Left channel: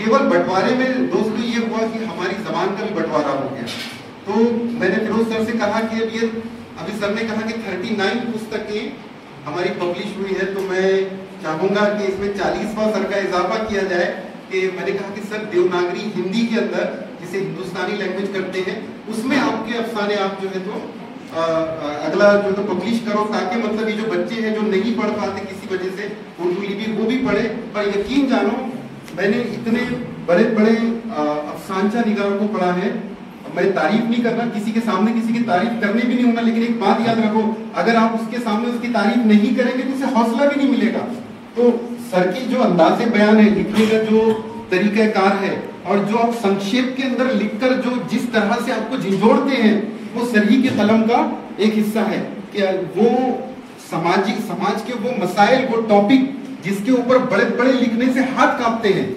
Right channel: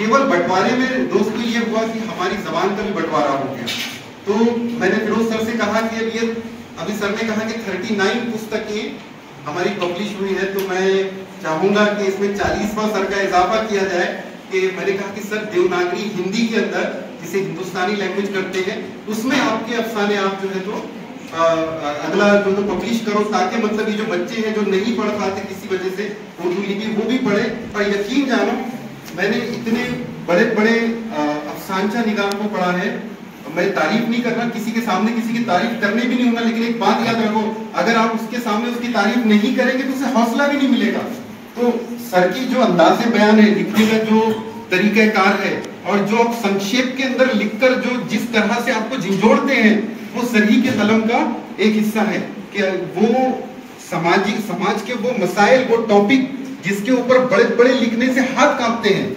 केवल बंटवारे में दोस्तों ये हुआ कि हमारी जबान का भी बंटवारा हो गया। तो मैंने फिरोज सर से कहा कि अब ये अभी सर ने कहा कि 39 पुस्तकें हमारी पब्लिश हुई है, तो मैं चाहूंगा कि इसमें 40वां सर का इजाफा किया जाए। कि मैंने कहा कि सर देवनागरी हिंदी के अंदर जिसे हिंदुस्तानी लैंग्वेज करते हैं उसमें आपके अफसाने आप जो है तो अगला जो तो पब्लिश करो, ताकि मतलब ये जो बच्चे हैं जो नहीं पढ़ पाते किसी वजह से उर्दू लिपि वो भी पढ़े। पर यकीन जानो मैंने इतने बड़े बड़े अफसानचा निगार को पढ़ा है, मैं तारीफ नहीं करना, किसी के सामने किसी की तारीफ करने भी नहीं होना, लेकिन एक बात याद रखो, अगर आप उसके सामने उसकी तारीफ नहीं करेंगे तो उसे हौसला भी नहीं मिलेगा। तो सर की जो अंदाज़े बयान है, लिखने का जो तरीकाकार है और जो आप संक्षेप के अंदर लिखकर जो जिस तरह से आपको झिंझोड़ते हैं, वो सर ही के कलम का एक हिस्सा है कि वो समाज के वो मसाइल, वो टॉपिक जिसके ऊपर बड़े बड़े लिखने से हाथ कांपते हैं।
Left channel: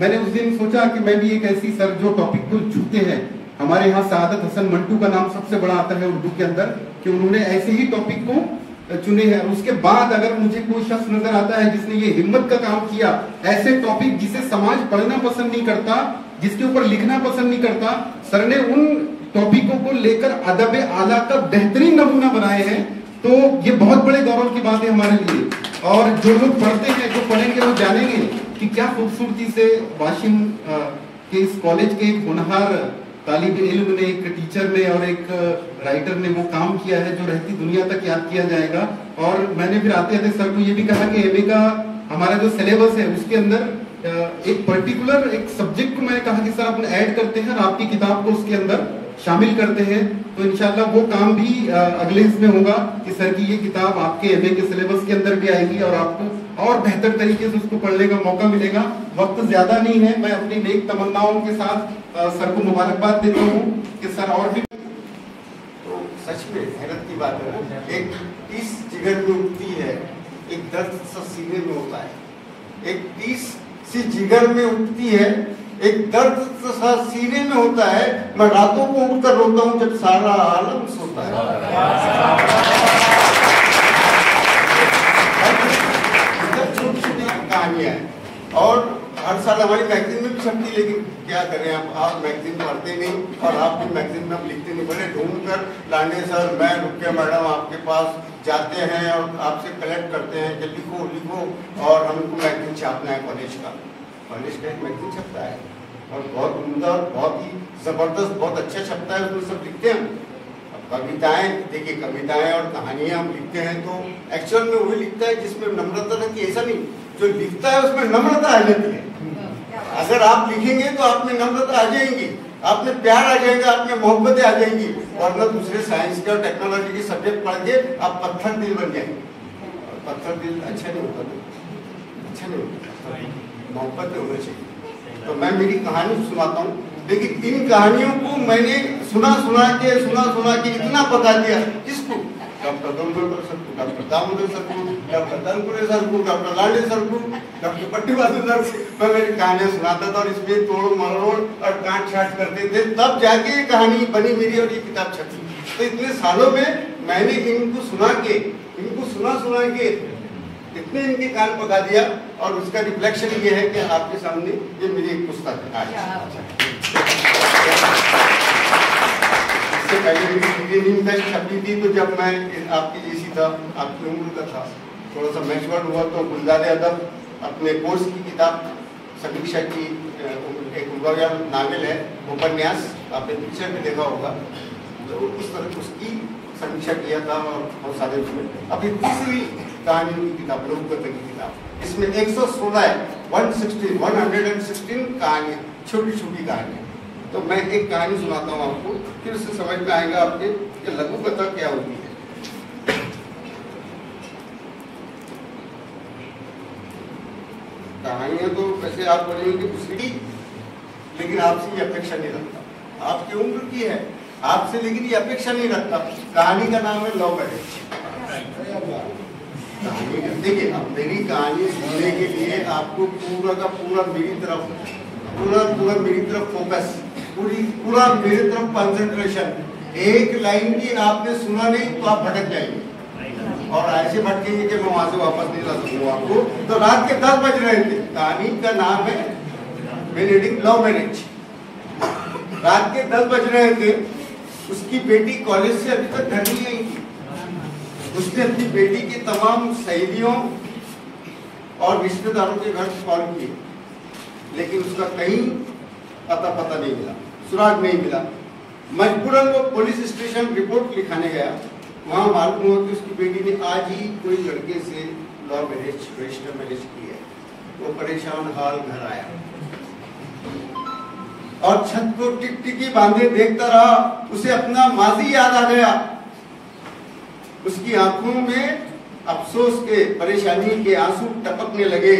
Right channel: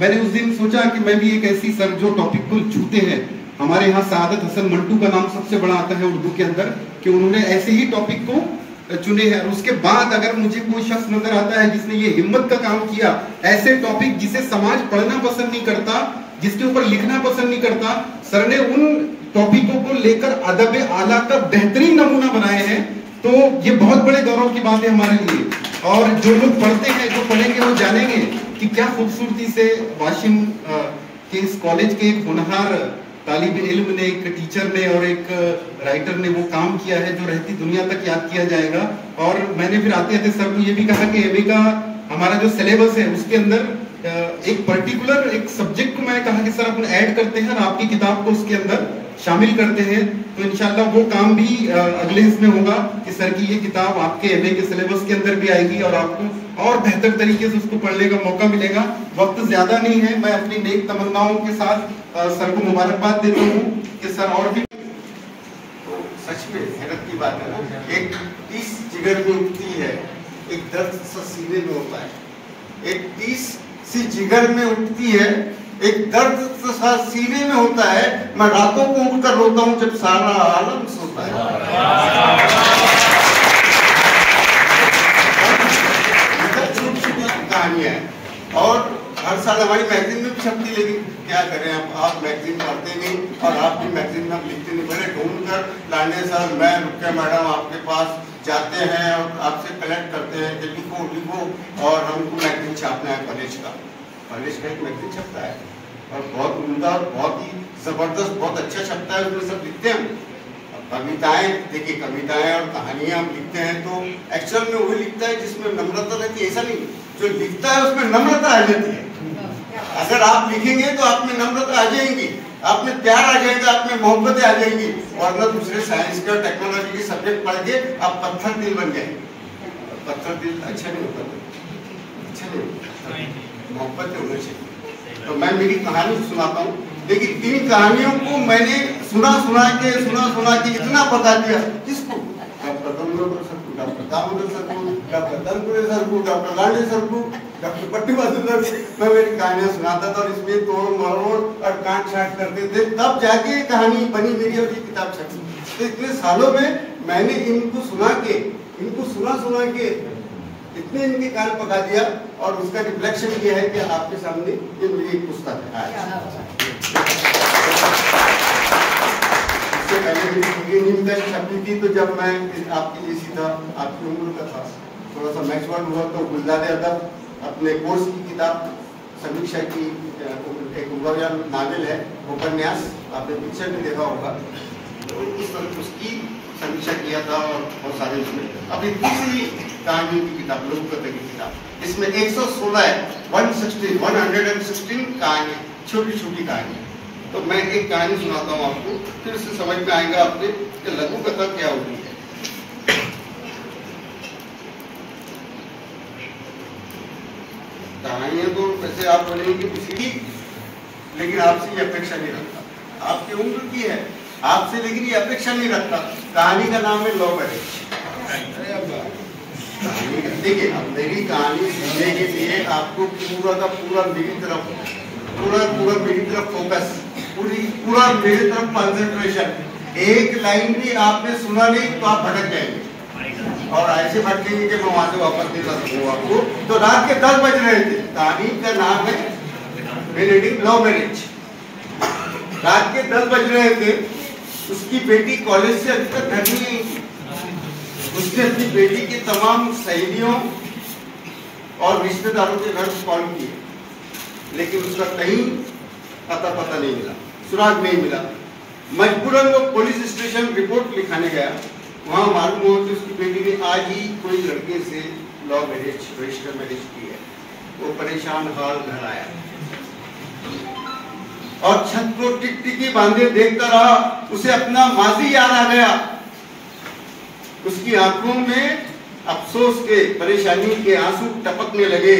मैंने उस दिन सोचा कि मैं भी एक ऐसी सर जो टॉपिक को छूते हैं, हमारे यहाँ सआदत हसन मंटू का नाम सबसे बड़ा आता है उर्दू के अंदर, कि उन्होंने ऐसे ही टॉपिक को चुने हैं। उसके बाद अगर मुझे कोई शख्स नजर आता है जिसने ये हिम्मत का काम किया, ऐसे टॉपिक जिसे समाज पढ़ना पसंद नहीं करता, जिसके ऊपर लिखना पसंद नहीं करता, सर ने उन टॉपिकों को लेकर अदब आला का बेहतरीन नमूना बनाए हैं। तो ये बहुत बड़े गौरव की बात है हमारे लिए। और जो लोग पढ़ते हैं, जो पढ़ेंगे, वो जानेंगे कि क्या खूबसूरती से वाशिम के इस कॉलेज के एक होनहार तालिब इल्म ने, एक टीचर ने और एक राइटर ने वो काम किया है जो रहती दुनिया तक याद किया जाएगा। और मैंने फिर आते आते सर को ये भी कहा कि एमए का हमारा जो सिलेबस है उसके अंदर एक पर्टिकुलर एक सब्जेक्ट को मैं कहा कि सर अपन ऐड करते हैं और आपकी किताब को उसके अंदर शामिल करते हैं। तो इंशाल्लाह वो काम भी अगले इसमें होगा कि सर की ये किताब आपके एमए के सिलेबस के अंदर भी आएगी और आपको और बेहतर तरीके से उसको पढ़ने का मौका मिलेगा। वक्त ज्यादा नहीं है, मैं अपनी नेक तमन्नाओं के साथ सर को मुबारकबाद देता हूँ कि सर और भी। तो सच में हैरत की बात है ना, एक टीस जिगर में उठती है, एक दर्द सा सीने में होता है, एक टीस सी जिगर में उठती है, एक दर्द सा सीने में होता है। मैं रातों को उठकर रोता हूँ जब सारा आलम सोता है। कहानियां हैं और हर साल हमारी मैगजीन में भी छपती, लेकिन क्या करें आप मैगजीन पढ़ते नहीं और आपकी मैगजीन में हम लिखते नहीं। बड़े ढूंढ कर लाने सर, मैं रुकिया मैडम आपके पास जाते हैं और आपसे कलेक्ट करते हैं कि लिखो लिखो, और हमको मैगजीन छापना है कॉलेज का एक मैगजीन छपता है और बहुत उम्दा और बहुत ही जबरदस्त, बहुत अच्छा छपता है। उसमें सब लिखते हैं कविताएं, देखिए कविताएं और कहानियां हम लिखते हैं तो एक्चुअल में वही लिखता है जिसमें नम्रता रहती है। ऐसा नहीं, जो लिखता है उसमें नम्रता आ जाती है। अगर आप लिखेंगे तो आप में नम्रता आ जाएंगी, आप में प्यार आ जाएगा, आप में मोहब्बतें आ जाएंगी। और ना दूसरे साइंस के और टेक्नोलॉजी के सब्जेक्ट पढ़ के आप पत्थर दिल बन जाएंगे। पत्थर दिल अच्छा नहीं होता, अच्छा नहीं होता, मोहब्बतें होनी चाहिए। तो मैं मेरी कहानी सुनाता हूँ, लेकिन इन कहानियों को मैंने सुना सुना के इतना बता दिया, किसको, डॉक्टर दामोदर सर को, डॉक्टर दामोदर सर को, डॉक्टर तनपुरे सर को, डॉक्टर लांडे सर को, डॉक्टर पट्टीवासु सर को मैं मेरी कहानियां सुनाता था और इसमें तोड़ मरोड़ और काट छाट करते थे, तब जाके ये कहानी बनी मेरी और ये किताब छपी। तो इतने सालों में मैंने इनको सुना के इतने इनके कान पका दिया और उसका रिफ्लेक्शन ये है कि आपके सामने ये मेरी एक पुस्तक है। इससे पहले मेरी छपी थी, तो जब मैं आपकी जैसी था, आपकी उम्र का था, थोड़ा सा मैच्योर हुआ तो गुलजार अदब अपने कोर्स की किताब समीक्षा की एक नावल है, उपन्यास, आपने पिक्चर भी देखा होगा, तो उस पर उसकी समीक्षा किया था और बहुत सारे उसमें। अभी दूसरी कहानी की किताब, लोककथा की किताब, इसमें 116 कहानी, छोटी छोटी कहानी। तो मैं एक कहानी सुनाता हूँ आपको, फिर उससे समझ में आएगा आपके कि लघु कथा क्या होती है। कहानियां तो जैसे आप बोलेंगे उसी, लेकिन आपसे ये अपेक्षा नहीं रखता, आपकी उम्र की है आपसे, लेकिन ये अपेक्षा नहीं रखता। कहानी का नाम है लव मैरिज। देखिए मेरी कहानी सुनने के लिए आपको पूरा का पूरा मेरी तरफ फोकस, पूरा मेरी तरफ कंसंट्रेशन। एक लाइन भी आपने सुना नहीं तो आप भटक जाएंगे और ऐसे भटकेंगे कि मैं वहां से वापस नहीं जा सकूंगा आपको। तो रात के 10 बज रहे थे। कहानी का नाम है रीडिंग लव मैरिज। रात के 10 बज रहे थे, उसकी बेटी कॉलेज से अभी तक घर नहीं आई थी। उसने अपनी बेटी की तमाम सहेलियों और रिश्तेदारों के घर कॉल किए, लेकिन उसका कहीं अता पता नहीं मिला, सुराग नहीं मिला। मजबूरन वो पुलिस स्टेशन रिपोर्ट लिखाने गया। वहां मालूम हुआ कि उसकी बेटी ने आज ही कोई लड़के से लव मैरिज, रजिस्टर मैरिज की है। वो परेशान हाल घर आया और छत को टिकटिकी बांधे देखता रहा। उसे अपना माजी याद आ गया। उसकी आंखों में अफसोस के, परेशानी के आंसू टपकने लगे,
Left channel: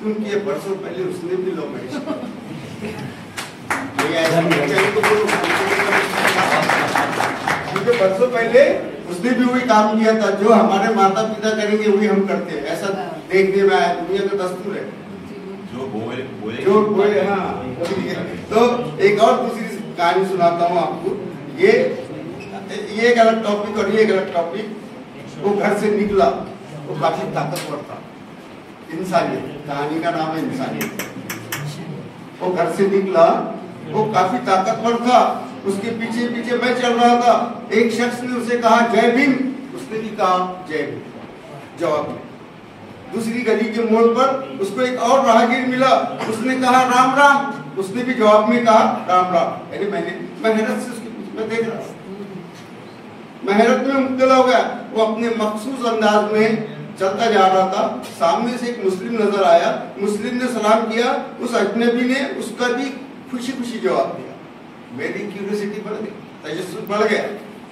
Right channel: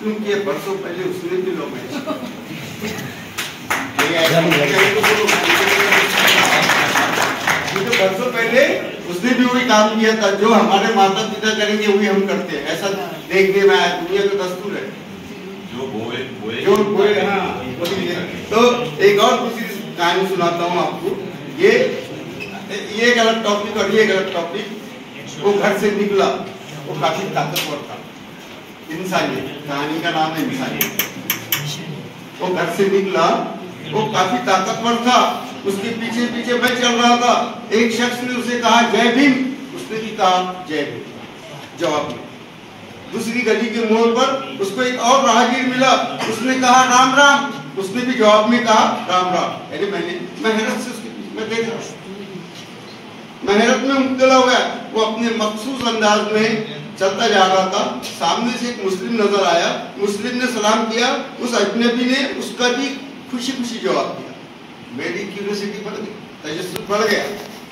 क्योंकि बरसों पहले उसने भी लव मैरिज तो बरसों पहले उसने भी वही काम किया था जो हमारे माता पिता करेंगे वही हम करते हैं। ऐसा देखने में आया, दुनिया का दस्तूर है। जो बोए हाँ। तो एक और दूसरी कहानी सुनाता हूँ आपको। ये गलत टॉपिक और ये गलत टॉपिक। वो घर से निकला, वो काफी ताकतवर था। इंसानियत, कहानी का नाम है इंसानियत। वो घर से निकला, वो काफी ताकतवर था। उसके पीछे पीछे मैं चल रहा था। एक शख्स ने उसे कहा जय भीम, उसने भी कहा जय भीम जवाब में। दूसरी गली के मोड़ पर उसको एक और राहगीर मिला, उसने कहा राम राम, उसने भी जवाब में कहा राम राम। यानी मैं हैरत से उसके पीछे मैं देख रहा, मैं हैरत में मुब्तला हो गया। वो अपने मखसूस अंदाज में चलता जा रहा था। सामने से एक मुस्लिम नजर आया, मुस्लिम ने सलाम किया। उस अजनबी ने उसका भी खुशी खुशी जवाब दिया। मेरी क्यूरियोसिटी बढ़ गई, तजस्सुस बढ़ गया।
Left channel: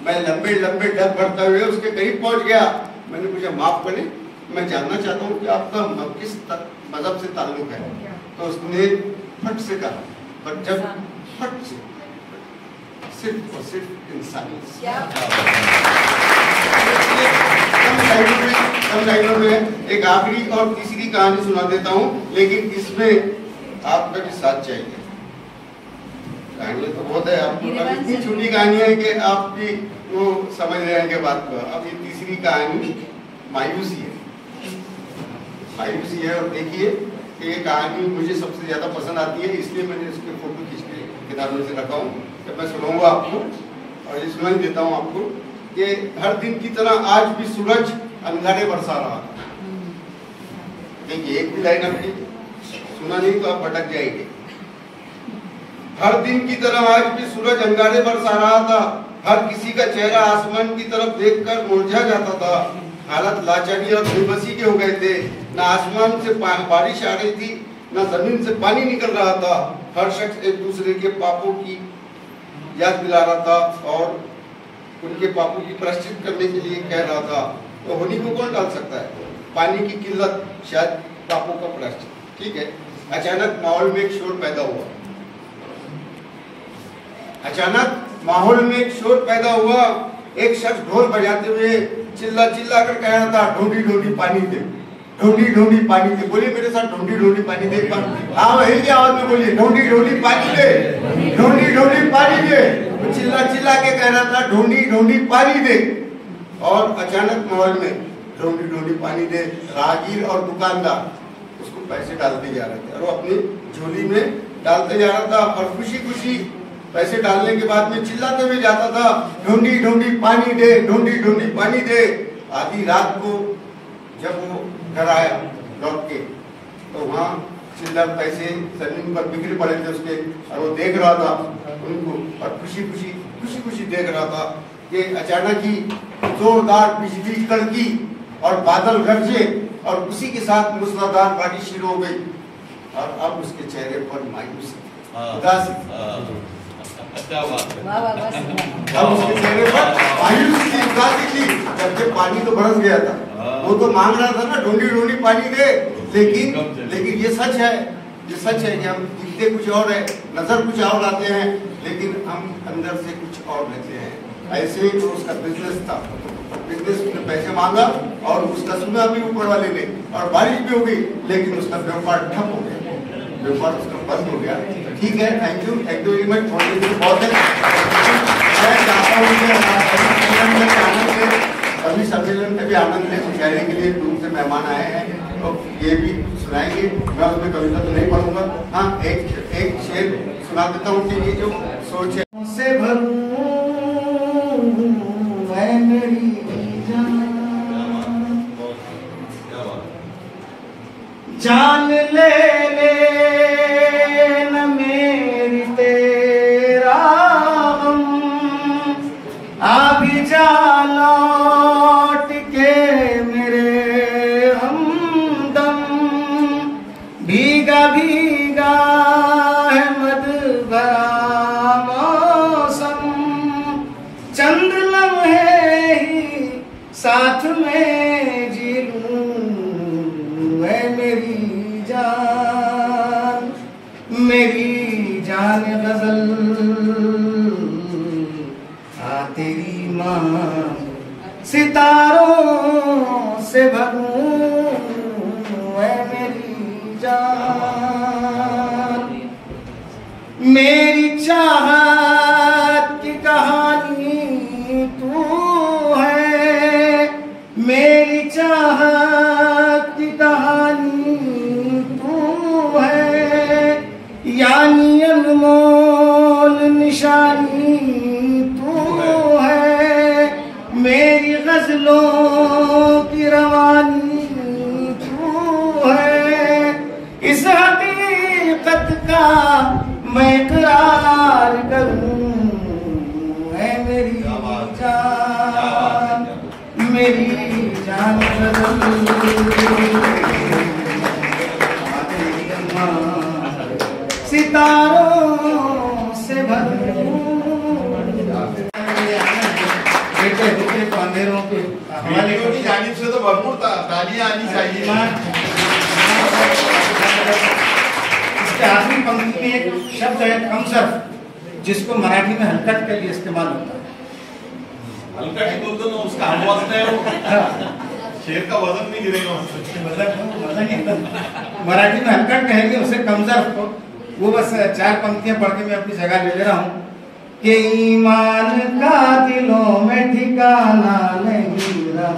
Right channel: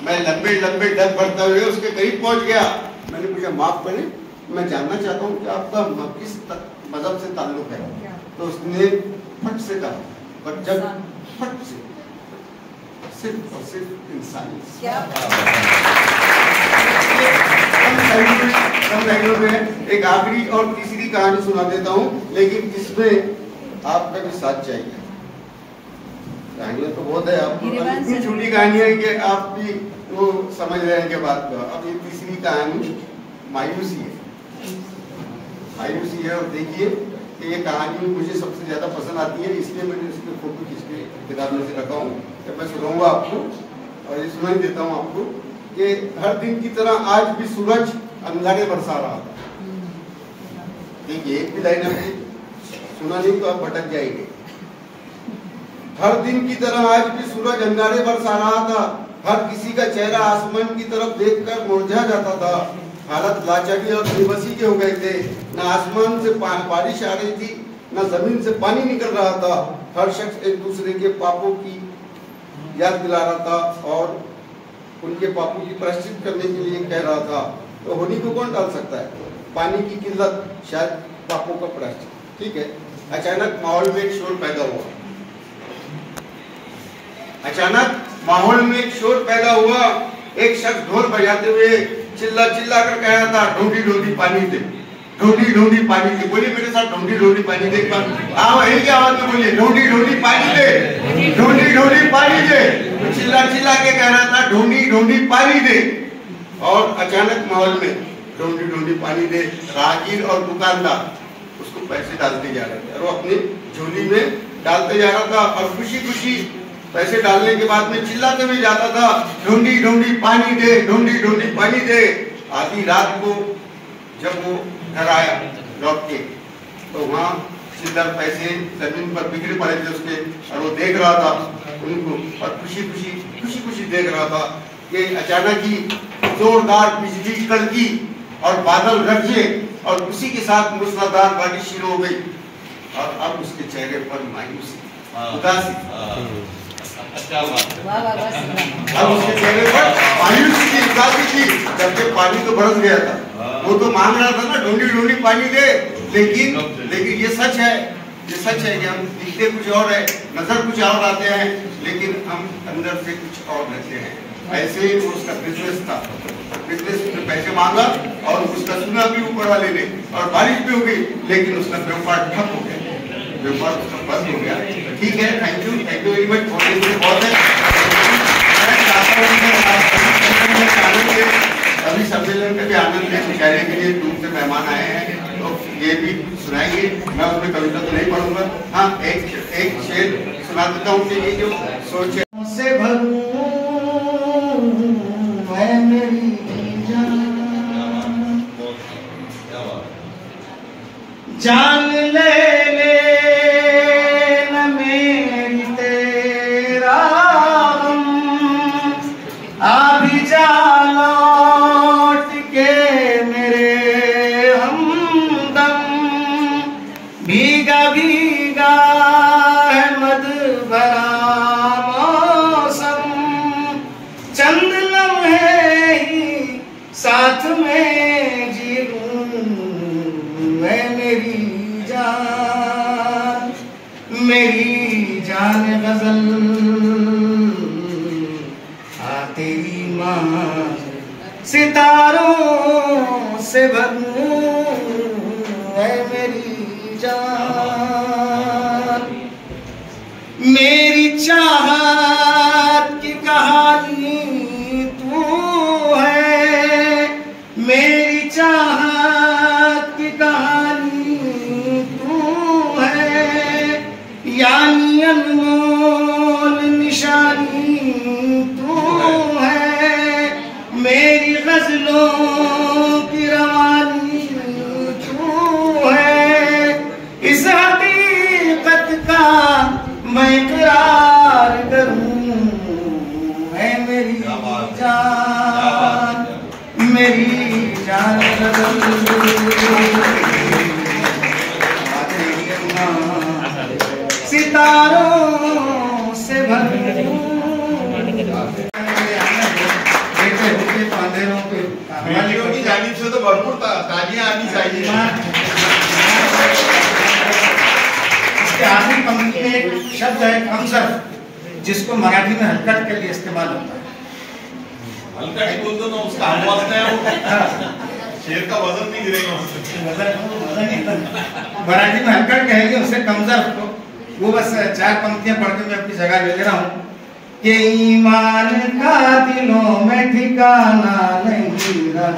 मैं लंबे लंबे डग बढ़ते हुए उसके करीब पहुंच गया। मैंने पूछा माफ करें, मैं जानना चाहता हूँ कि आपका किस मजहब से ताल्लुक है। तो उसने फट से कहा, पर जब फट से सिर्फ और सिर्फ इंसानियत। एक आखिरी और तीसरी कहानी सुना देता हूँ, लेकिन इसमें आपका भी साथ चाहिए। कहानियां तो बहुत है, आपको इतनी छोटी कहानी है कि आप भी वो समझ रहे हैं कि बात को। अब ये तीसरी कहानी मायूसी है। मायूसी है, और देखिए ये कहानी मुझे सबसे ज्यादा पसंद आती है, इसलिए मैंने इसके फोटो खींच के किताब में से रखा हूँ। तो मैं सुनाऊंगा आपको और ये सुना देता हूँ आपको कि हर दिन की तरह आज भी सूरज अंगारे बरसा रहा था। देखिए एक भी लाइन आपकी सुना नहीं तो आप भटक जाएंगे। हर दिन की तरह आज भी सूरज अंगारे बरसा रहा था। हर किसी का चेहरा आसमान की तरफ देखकर मुरझा जाता था। हालत लाचारी और बेबसी के हो गए थे। न आसमान से बारिश आ रही थी, न जमीन से पानी निकल रहा था। हर शख्स एक दूसरे के पापों की याद दिला रहा था और उनके पापों की प्रायश्चित करने के लिए कह रहा था। तो होली को कौन डाल सकता है? पानी की किल्लत शायद पापों का प्रायश्चित। ठीक है। अचानक माहौल में एक शोर पैदा हुआ। अचानक माहौल में एक शोर पैदा हुआ। एक शख्स ढोल बजाते हुए चिल्ला चिल्ला कर कह रहा था, ढोंडी ढोंडी पानी दे, ढोंडी ढोंडी पानी दे। बोलिए मेरे साथ, ढोंडी ढोंडी पानी दे। हाँ वही की आवाज में बोलिए, ढोंडी ढोंडी पानी दे, ढोंडी ढोंडी पानी दे। चिल्ला चिल्ला के कह रहा था, ढोंडी ढोंडी पानी दे। और अचानक माहौल में ढोंडी ढोंडी पानी दे। राहगीर और दुकानदार उसको पैसे डालते जा रहे थे और वो अपनी झोली में डालते जा रहा था और खुशी खुशी पैसे डालने के बाद में चिल्लाते हुए जाता था, ढूंढी ढूंढी पानी दे, ढूंढी ढूंढी पानी दे। आधी रात को जब वो घर आया लौट के, तो वहाँ चिल्लर पैसे जमीन पर बिखरे पड़े थे उसके, और वो देख रहा था उनको और खुशी खुशी देख रहा था कि अचानक ही जोरदार बिजली कड़की और बादल गरजे और उसी के साथ मूसलाधार बारिश शुरू हो गई। और अब उसके चेहरे पर मायूसी, उदासी, अब उसके चेहरे पर मायूसी की उदासी थी, जबकि पानी तो बरस गया था। वो तो मांग रहा था ना, ढूंढी ढूंढी पानी दे। लेकिन ये सच है कि हम दिखते कुछ और है, नजर कुछ और आते हैं, लेकिन हम अंदर से कुछ और लगते हैं। ऐसे ही उसका बिजनेस था, बिजनेस में पैसे मांगा और उसका सुना भी ऊपर वाले ने, और बारिश भी हो गई, लेकिन उसका व्यापार ठप हो गया, व्यापार उसका बंद हो गया। ठीक है, थैंक यू वेरी मच। बहुत है, मैं चाहता हूँ अभी सम्मेलन के भी आनंद में मुशायरे के लिए दूर से मेहमान आए हैं, तो ये भी सुनाएंगे। मैं उन्हें कविता तो नहीं पढ़ूंगा। हाँ, एक एक शेर सुना देता हूँ कि ये जो सोच से भरूं मैं मेरी जान ले न मेरी तेरा हम आ भी जा लौट के मेरे हमदम भीगा भीगा है मद भरा मौसम चंद लम्हे ही साथ में जी लूं मैं मेरी जान गजल आ तेरी माँ सितारों से भरूं मैं मेरी जान मेरी चाहत की कहानी तू है मेरी चाहत की कहानी तू है यानी अनमोल निशानी तू है मेरी गजलों की रवानी तू है इस हकीकत का मैं इकरार करूं है मेरी जान सितारों से भरूं अंधेरों पे वीडियो की जानिब से तो भरपूर तालियां आनी चाहिए। इसके आखिरी पंक्ति में एक शब्द है कमसर जिसको मराठी में हलकट के लिए इस्तेमाल होता है। हल्का ही बोलते ना उसका हम वजन है वो शेर का वजन नहीं गिरेगा मराठी में हलकट कहेंगे उसे कमजर को। वो बस 4 पंक्तियां पढ़ के मैं अपनी जगह ले रहा हूँ कि ईमान का दिलों में ठिकाना नहीं रहा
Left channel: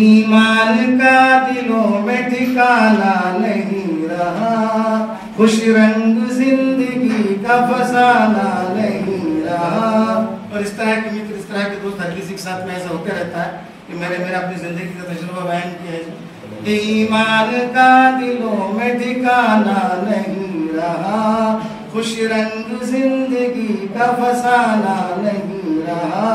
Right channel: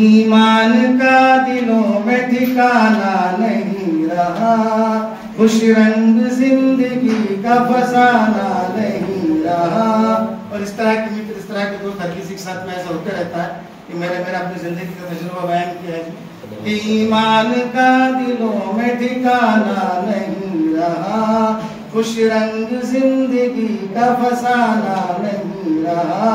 ईमान का दिलों में ठिकाना नहीं रहा खुश रंग जिंदगी का फसाना नहीं रहा। और इस तरह के मित्र इस तरह के दोस्त हर किसी के साथ में ऐसा होते रहता है कि मैंने अपनी जिंदगी का तजुर्बा बयान किया है कि ईमान का दिलों में ठिकाना नहीं रहा खुश रंग जिंदगी का फसाना नहीं रहा।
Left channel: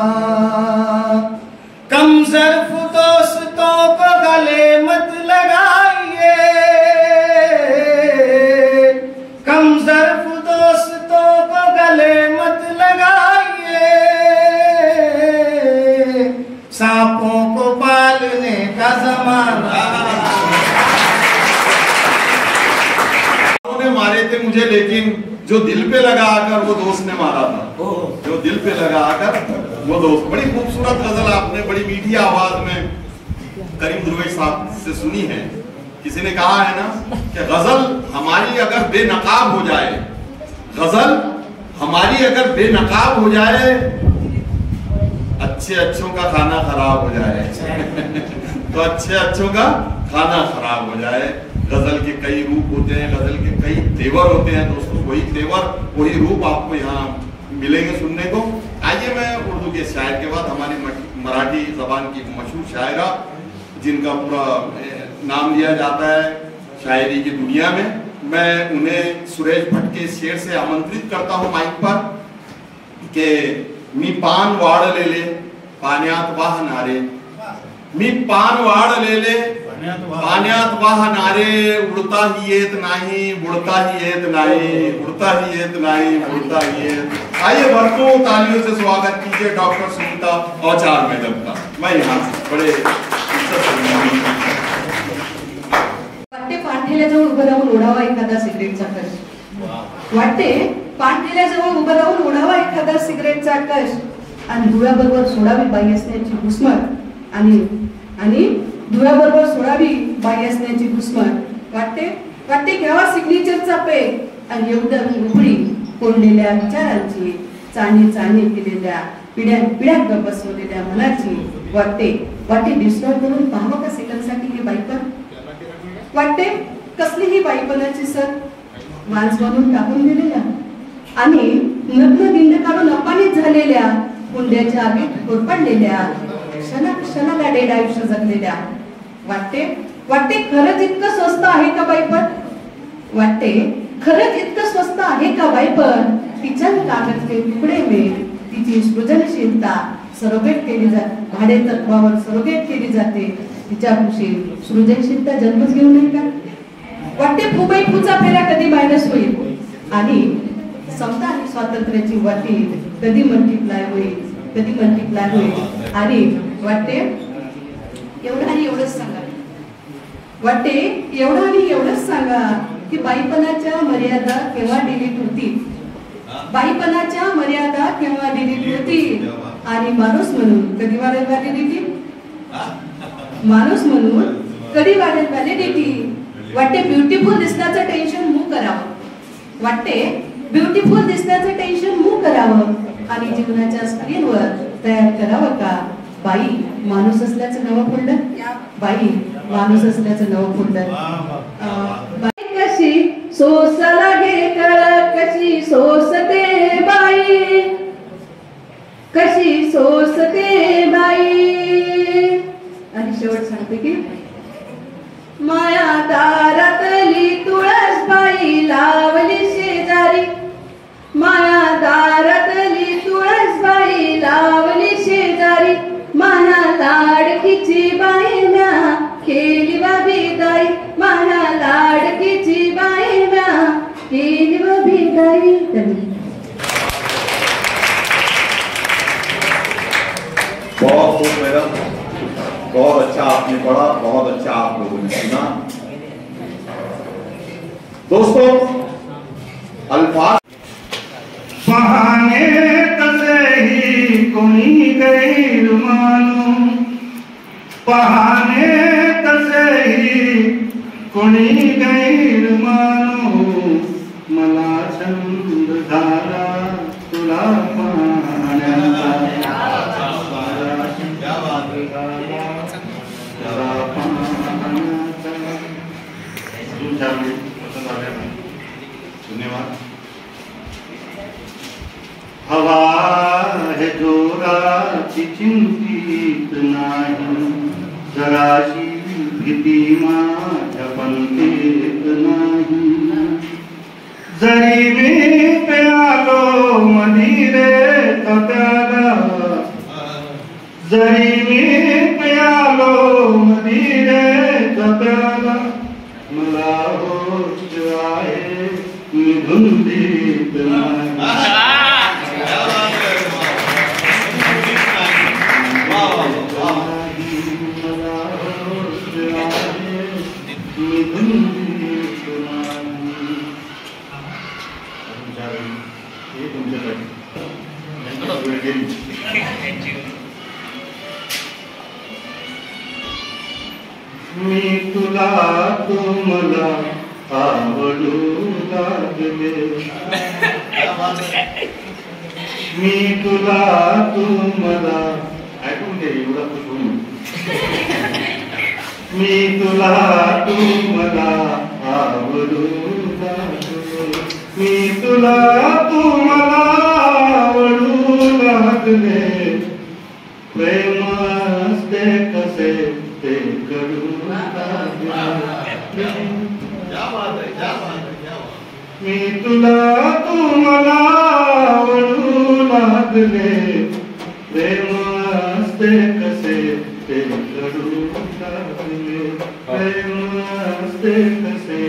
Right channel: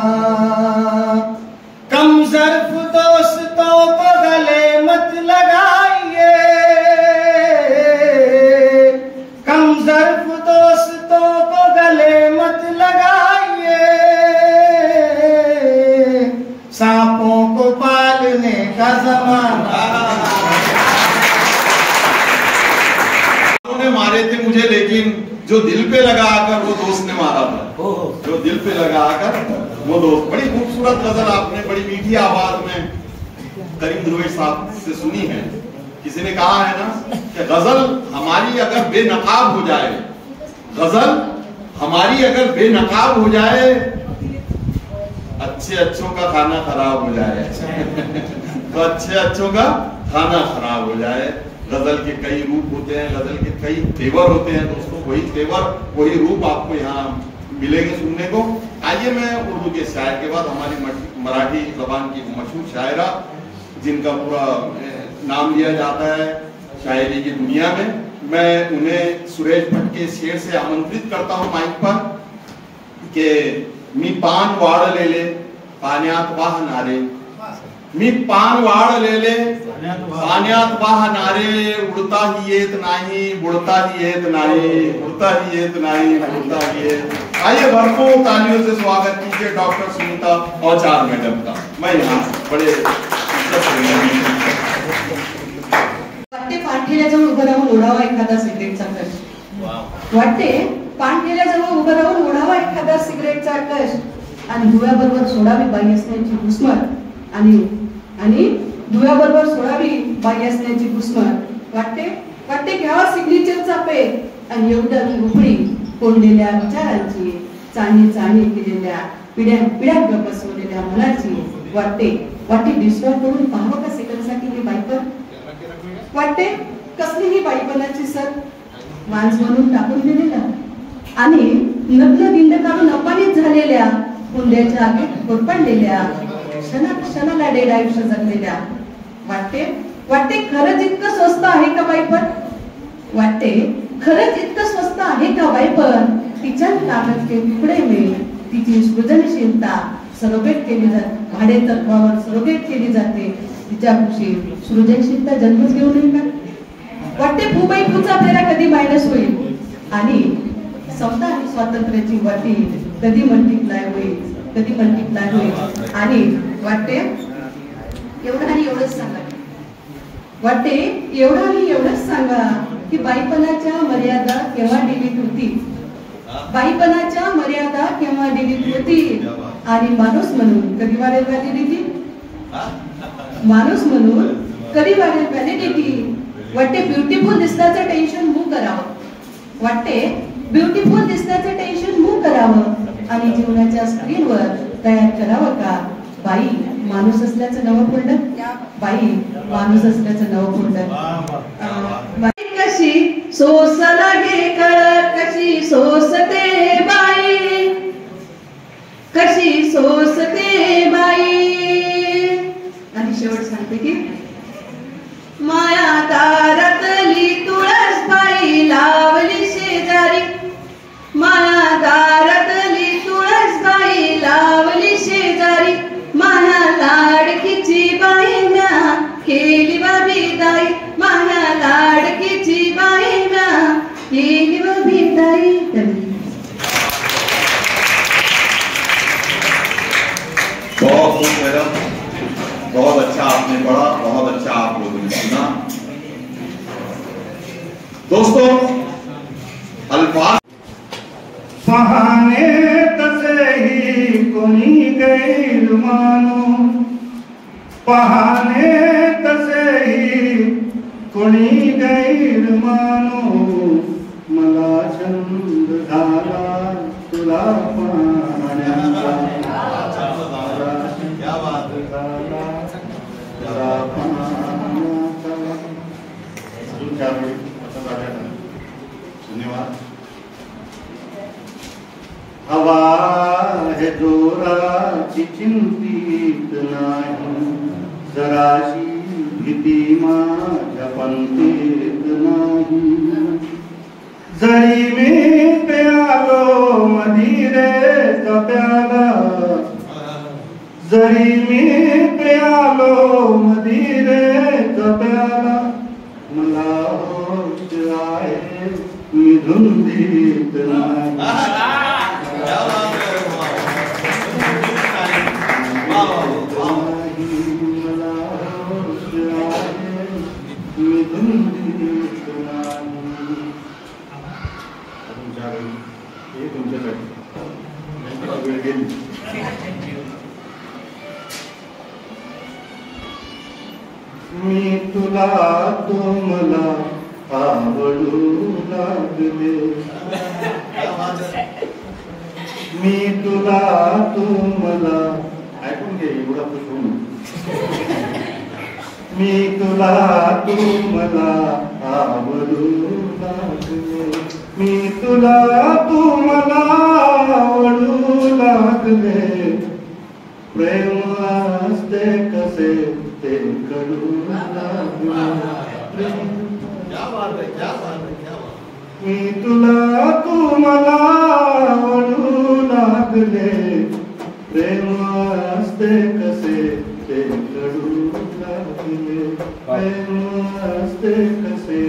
कम ज़र्फ़ दोस्तों को गले मत लगाइए कम ज़र्फ़ दोस्तों को गले मत लगाइए सांपों को पालने का जमाना उन्होंने मारे थे मुझे लेकिन जो दिल पे लगा आकर वो दोस्त ने मारा था जो दिल पे लगा आकर वो दोस्त। बड़ी खूबसूरत गजल आपने बड़ी मीठी आवाज में करीम दुर्वेश साहब से सुनी है। किसी ने कहा है ना कि गजल हमारी अगर बेनकाब हो जाए गजल हमारी अगर बेनकाब हो जाए अच्छे अच्छों का खाना खराब हो जाए तो अच्छे अच्छों का खाना खराब हो जाए। गजल के कई रूप होते हैं गजल के कई तेवर होते हैं दोस्तों वही तेवर वही रूप आपको यहाँ मिलेंगे सुनने को। आइए मैं उर्दू के शायर के बाद हमारी मराठी जबान की मशहूर शायरा जिनका पूरा नाम लिया जाता है शायरी की दुनिया में मैं उन्हें सुरेश भट्ट के शेर से आमंत्रित करता हूँ माइक पर कि मी पान वाड़ ले ले पान्यात वाह नारे मी पान वाड़ ले ले पान्यात वाह नारे उड़ता ही येत नाही बुड़ता ही येत नाही उड़ता ही येत नाही बुड़ता ही येत। आइए भरपूर तालियों से स्वागत कीजिए डॉक्टर सुनीता औचार मैडम का। मैं यहाँ बड़े पाणठेल्याजवळ उभं राहून ओढावा एखादा सिगरेटचा कश वाटते पाणठेल्याजवळ उभं राहून ओढावा एखादा सिगरेटचा कश आणि धुराबरोबर सोडावी बाई असण्याची घुसमट आणि धुराबरोबर सोडावी बाई असण्याची घुसमट वाटते घ्यावा सिग्नेचरचा पेग आणि एवढं उपडी कोंडलेल्या विचारांची चाणी केलेल्या पिढ्या गप बसवलेल्या मनाची वाटते डिस्टॉर्ब करून पाहावं का सेकंडसाठी मी बाईकवर वाटते कसलीही बाईपणाची सर मांस बनवून टाकून दिलेल्या आणि नग्न बिंद काढून अपमानित झालेल्या हुंड्याच्या आगीत होरपडलेल्या क्षणाला डेड आयुष्य जगलेल्या वाटते खरंच इतकं स्वस्त आहे का बाईपण वाटते खरंच इतकं स्वस्त आहे का बाईपण तिच्या कागद के तुकडे में तिची सृजनशीलता सरोगेट केली जाते भाडे तत्वावर सरोगेट केली जाते तिच्यापाशी सृजनशीलता जन्मच घेऊन येईल का वाटते फुबाई फुचा फेरा कधी मायनस होईल आणि समजा स्वातंत्र्याची वाटी कधी मल्टिप्लाय होईल आणि वाटते एवढं आणि एवढंच सांगा वाटते एवढं आणि एवढंच सांगा की बाईपणाच्या मर्यादा केव्हा डिलीट होती बाईपणाच्या मर्यादा केव्हा डिलीट होती आणि माणूस म्हणून कधी वाढेल व्हॅलिडिटी माणूस म्हणून कधी वाढेल व्हॅलिडिटी वाटते ब्युटिफुल दिसण्याचं टेन्शन मूव्ह करावं वाटते ब्युटिफुल दिसण्याचं टेन्शन मूव्ह करावं आणि जीवनाच्या स्क्रीनवर तयार करावं का बाई माणूस असल्याचं नवं फोल्डर बाई माणूस असल्याचं नवं फोल्डर बाई कशी सोसला घे कळ कशी सोसते बाई कशी सोसते बाई आणि शेवट सांगते की माया दारातली तुळस बाई लावली शेजारी माया दारातली तुळस बाई लावली शेजारी माया लाडकीची बाई म्या केली बाबीदाई माया लाडकीची बाई म्या केली बाबीदाई बहुत खूब मैडम बहुत अच्छा आपने पढ़ा बहुत अच्छा आप लोगों ने सुना दोस्तों अल्फाज पाहणे तसेही कोणी गैर मानू पाहणे तसेही कोणी गैर मानू मला छंद झाला तुला पाहण्याचा धन्यवाद हवा है जोराची चिंतित नाही जराशी भीती माझ्या पंथीत नाही जरी मी प्यालो मदिरे प्याला जरी मी प्यालो मदिरे प्याला मला होश आहे मी धुंदीत नाही मी तुला तू मला आवडू लागले मी तुला तू मला ऐकून घे एवढा खुश होऊन मी तुला तू मला आवडू लागले मी तुला तू मला आवडू लागले प्रेम असते कसे ते करू लागले मी तुला तू मला आवडू लागले प्रेम असते कसे ते करू लागले प्रेम असते कसे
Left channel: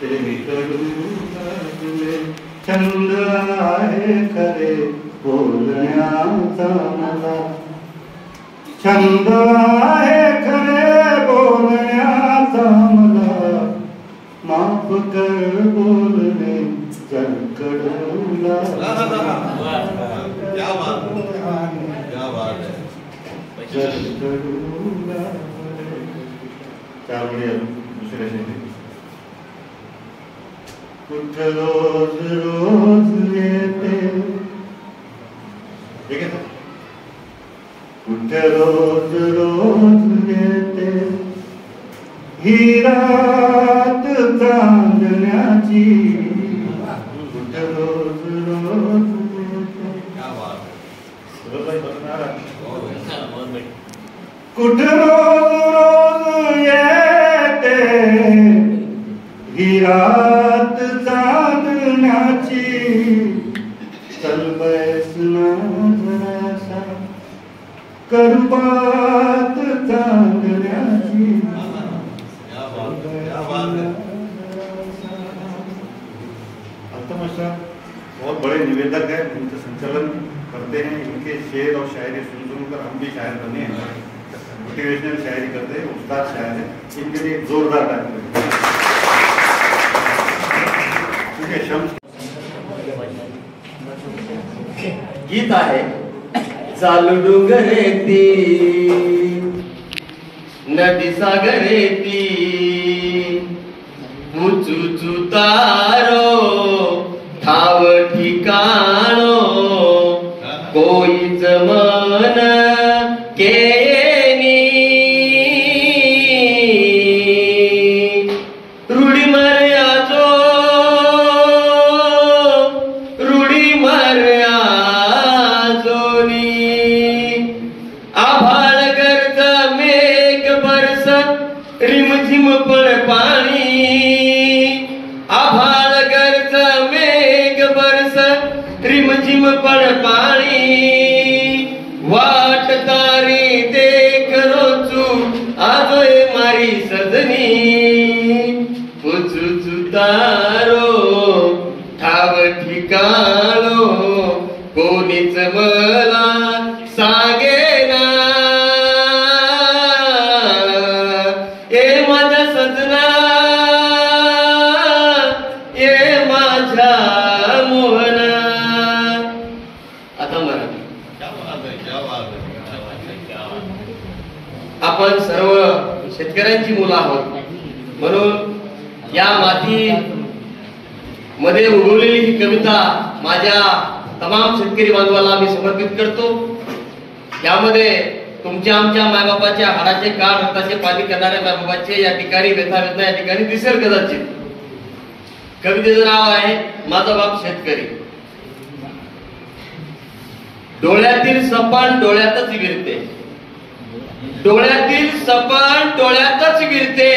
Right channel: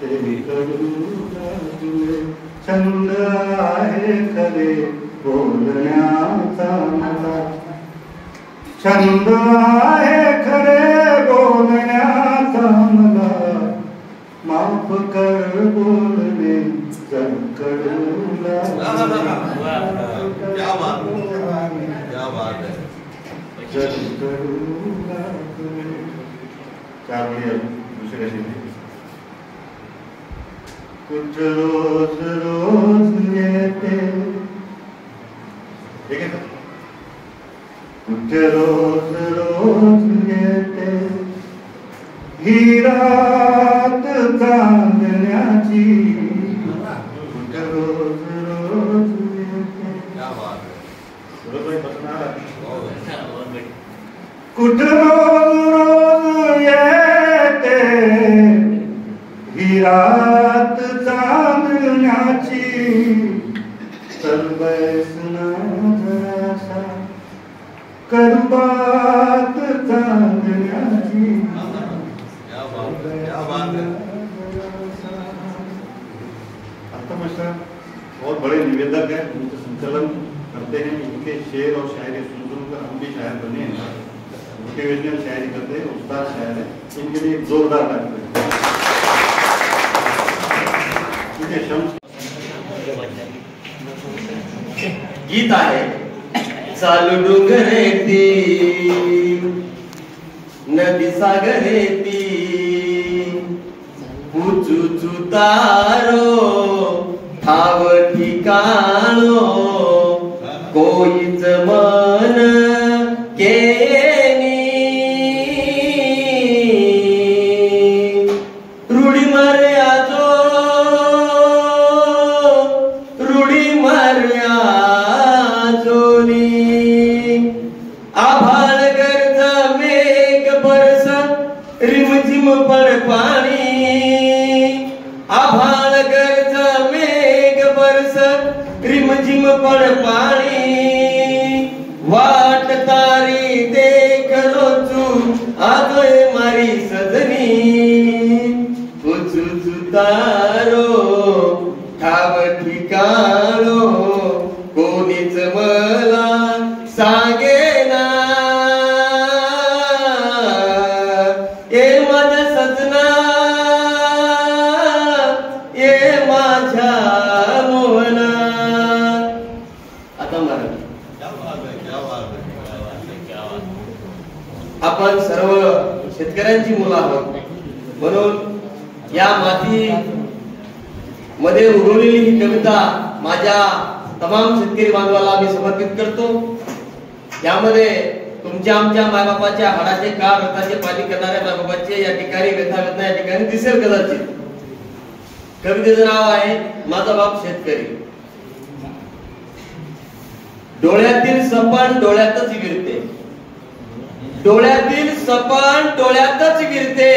ते करू लागले छंद आहे खरे बोलण्याचा मला छंद आहे खरे बोलण्याचा मला माफ कर बोलणे कडू त्यामुळे दुसऱ्या कुछ रोज रोज येते कुछ रोज रोज येते ही रात चांदण्याची कुठं रोज रोज येते. कुठं रोज रोज येते ही रात चांदण्याची. चल बैसना जरासा करू बात चांदण्याची. बहुत बड़े निवेदक हैं, उनके संचालन करते हैं. इनके शेर और शायरी सुनकर हम भी शायर बने हैं. मोटिवेशनल शायरी करते हैं, उस्ताद शायर है. इनके लिए जोरदार ताली. ठीक है. शम्स गीत आहे. चालू डोंगरेती नदी सागरेती उचुचु तारो ठाव ठिकाणो कोईच मन केनी रुडी मारे आजो रुडी मारे आजोनी आभाळ गर्ज मेघ बरस रिमझिम पड पाणी. आभाळ गर्ज मेघ बरस रिमझिम पड पाणी. वाट तारी देख रोचू आजोय मारी सजनी. उचुचु तारो ठाव ठिकाणो कोणीच मला सांगेना. ए माझा सजना ए माझ्या मोहना. आता मराठी. आपण सर्व शेतकऱ्यांची मुलं आहोत, म्हणून या माती मध्ये उगवलेली ही कविता माझ्या तमाम शेतकरी बांधवाला मी समर्पित करतो. यामध्ये तुमच्या आमच्या मायबापाच्या हाडाचे काळ रक्ताचे पाणी करणाऱ्या मायबापाचे या ठिकाणी व्यथा वेदना या ठिकाणी दिसेल कदाचित. कवितेचं नाव आहे माझा बाप शेतकरी. डोळ्यातील सपान डोळ्यातच विरते. डोळ्यातील सपान डोळ्यातच विरते.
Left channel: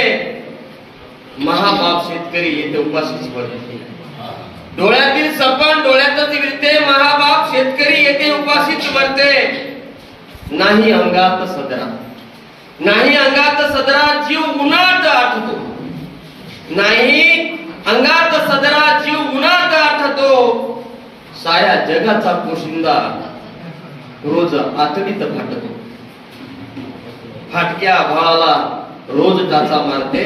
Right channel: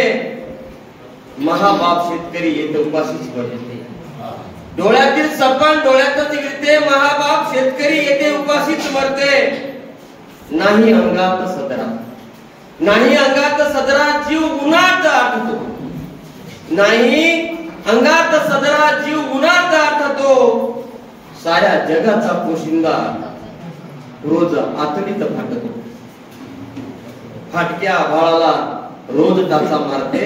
महाबाप शेतकरी येते उपाशीच मरते. डोळ्यातील सपान डोळ्यातच विरते. महाबाप शेतकरी येते उपाशीच मरते. नाही अंगात सदरा नाही अंगात सदरा जीव उन्हात आठतो. नाही अंगात सदरा जीव उन्हात आठतो. साऱ्या जगाचा पोशिंदा रोज आतडीत फाटतो. फाटक्या आभाळाला रोज टाचा मारते.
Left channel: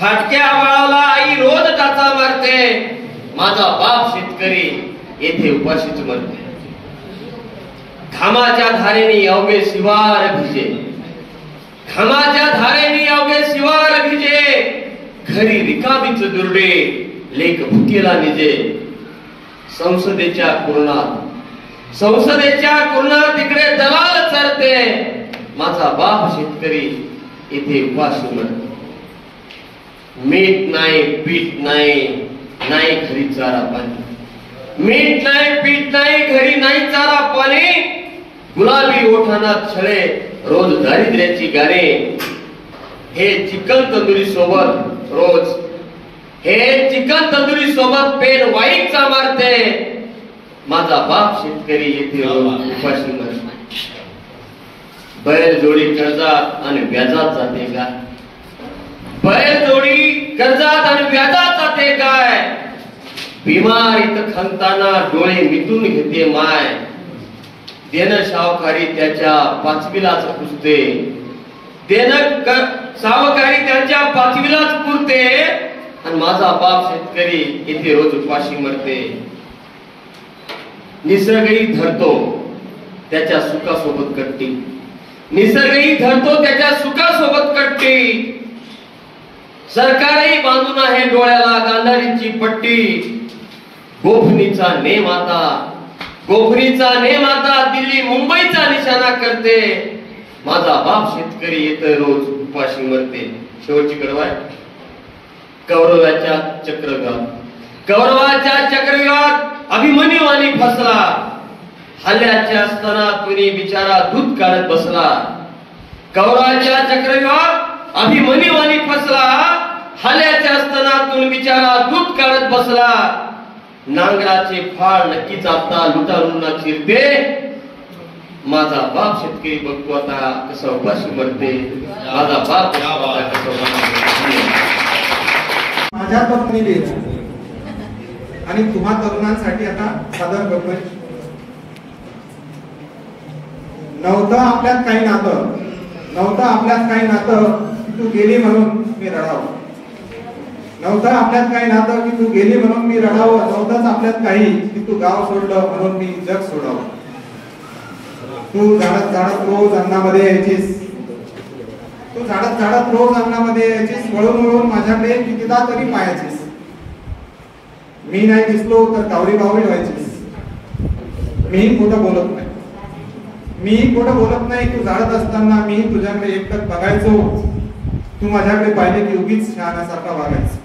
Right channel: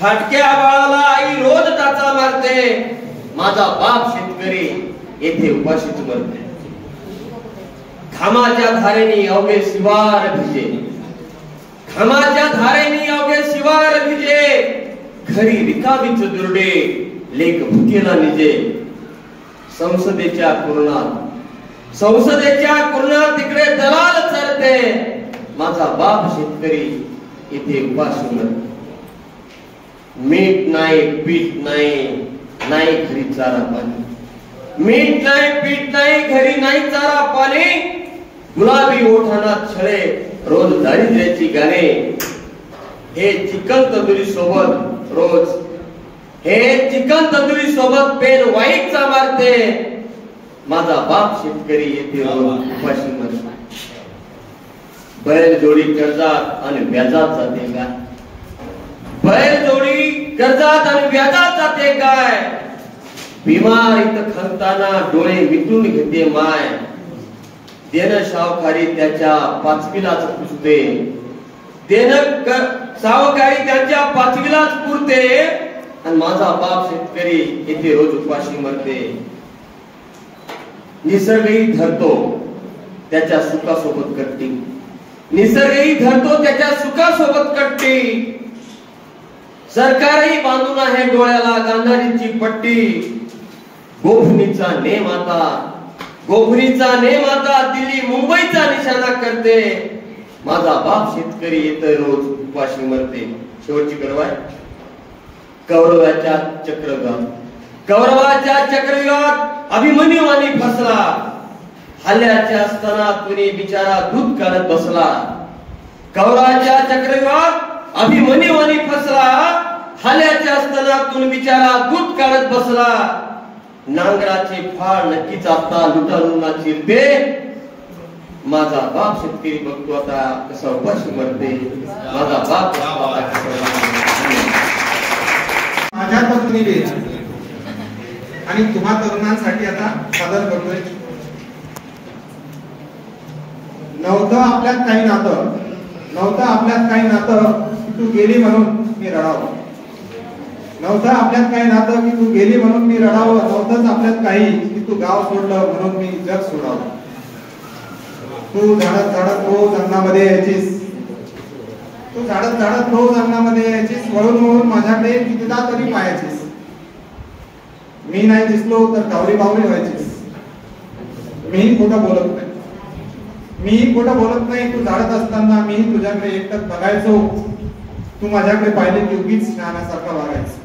फाटक्या आभाळाला आई रोज टाचा मारते. माझा बाप शेतकरी येथे उपाशीच मरते. घामाच्या धारेने अवघे शिवार भिजे. घामाच्या धारेने अवघे शिवार भिजे. घरी रिकामीच दुर्डे लेख भुकेला निजे. संसदेच्या कुरणात तिकडे दलाल चरते. माझा बाप शेतकरी इथे उपाशी मरते. मीठ नाही पीठ नाही नाही घरी चारा पाणी. मीठ नाही पीठ नाही घरी नाही चारा पाणी. गुलाबी ओठांना छळे रोज दारिद्र्याची गाणे. हे चिकन तंदुरी सोबत रोज हे चिकन तंदुरी सोबत पेन वाईटचा मारते. माझा बाप शेतकरी येथे रोज उपाशी मरते. बैल जोडी कर्जात आणि व्याजात जाते काय. बैल जोडी कर्जात आणि व्याजात जाते काय. बिमारीत खंताना डोळे मिटून घेते माय. देणं सावकारी त्याच्या पाचवीलाच पुजते. देणं सावकारी त्याच्या पाचवीलाच पुरते. आणि माझा बाप शेतकरी इथे रोज उपाशी मरते. निसर्गही धरतो त्याच्या सुखासोबत कट्टी. निसर्गही धरतो त्याच्या सुखासोबत कट्टी. सरकारही बांधून आहे डोळ्याला गांधारीची पट्टी. गोफणीचा नेम आता दिल्ली मुंबईचा निशाणा करते. माझा बाप शेतकरी येतो रोज उपाशी मरते. शेवटची कडव आहे. कौरवाच्या चक्रव्यूहात, कौरवाच्या चक्रव्यूहात अभिमन्यू आणि फसला. हल्ल्याच्या असताना तुनी बिचारा दूध काढत बसला. कौरवाच्या चक्रव्यूहात अभिमन्यू आणि फसला. हल्ल्याच्या असताना तुन बिचारा दूध काढत बसला. नांगराचे फाळ नक्कीच आता लुटारूंना चिरते. माझा बाप शेतकरी बघतो आता कसा उपाशी मरते. माझा बाप माझ्या पत्नीने आणि तुम्हा तरुणांसाठी आता सादर करतोय. नव्हतं आपल्यात काही नातं, नव्हतं आपल्यात काही नातं की तू गेली म्हणून मी रडावं. नव्हतं आपल्यात काही नातं की तू गेली म्हणून मी रडावं. नव्हतंच आपल्यात काही की तू गाव सोडलं म्हणून मी जग सोडावं. तू झाडत झाडत रोज अंगणामध्ये यायचीस, तू झाडत झाडत रोज अंगणामध्ये यायचीस. वळून वळून माझ्याकडे कितीदा तरी पाहायचीस. मी नाही दिसलो तर कावडी बावडी व्हायचीस. मीही खोटं बोलत नाही, मीही खोटं बोलत नाही. तू झाडत असताना मी तुझ्याकडे एकटक बघायचो. तू माझ्याकडे पाहिले की उगीच शहाण्यासारखा वागायचं.